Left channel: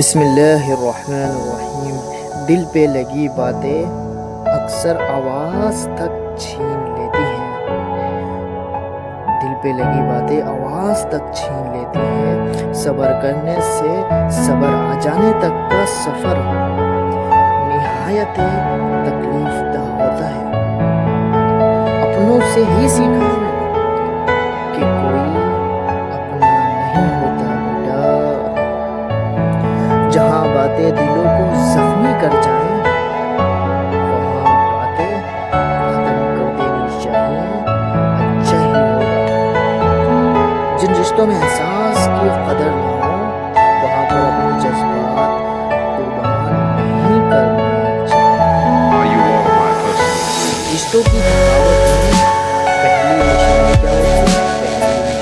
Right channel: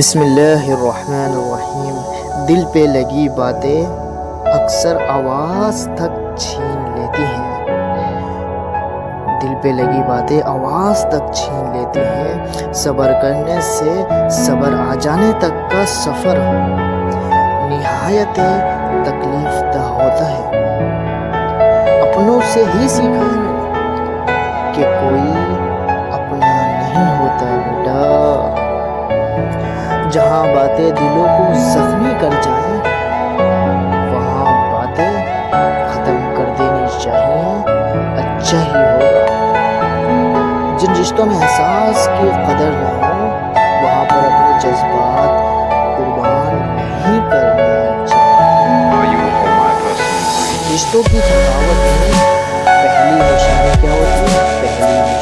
بسم اللہ الرحمن الرحیم۔ دل پہ لگی باتیں اکثر آواز تک چھین لیتی ہیں۔ دل پہ لگی باتیں آواز تک چھین لیتی ہیں۔ صبر کرنے سے صبر آ جانے تک کا سفر نہایت تکلیف دہ ہوتا ہے۔ اپنوں سے ہی سیکھا ہے میں نے کہ کوئی اپنا نہیں ہوتا بیٹا۔ جہاں باتیں دلوں کو زخمی کر جائیں وہاں باتیں ختم کر دینی چاہیے، اچھا ہی ہوگا۔ جن رشتوں میں احساس کی قدر نہ ہو وہاں پر اپنے جذبات قربان نہیں کرنے چاہیے۔ رشتوں کی تھکاوٹ میں پہلی نشانی کیا ہوتی ہے؟ پہلی نشانی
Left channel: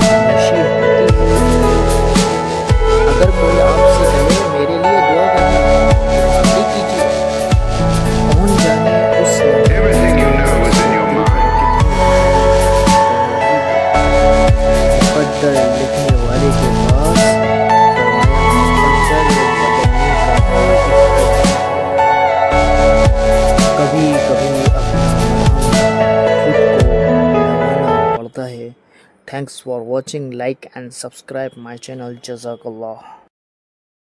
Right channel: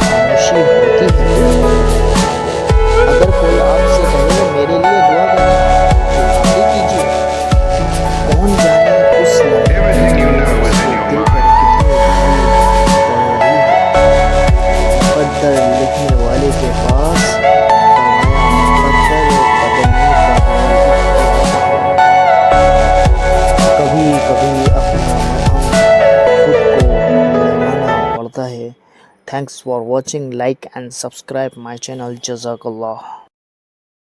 خاموشی ہوتی ہے۔ اگر کوئی آپ سے کہے میرے لیے دعا کرنا تو آپ ہی کیجیے۔ کون جانے اس لمحے پر کتنی بھاری پڑ رہی ہو۔ مقدر لکھنے والے کے پاس فرمایا مقدر بدلنے کا ہے اختیار ہے۔ کبھی کبھی اپنا مرہم خود کو لگانا پڑتا ہے۔ Thanks for watching. Like and subscribe my channel. Jazakallah.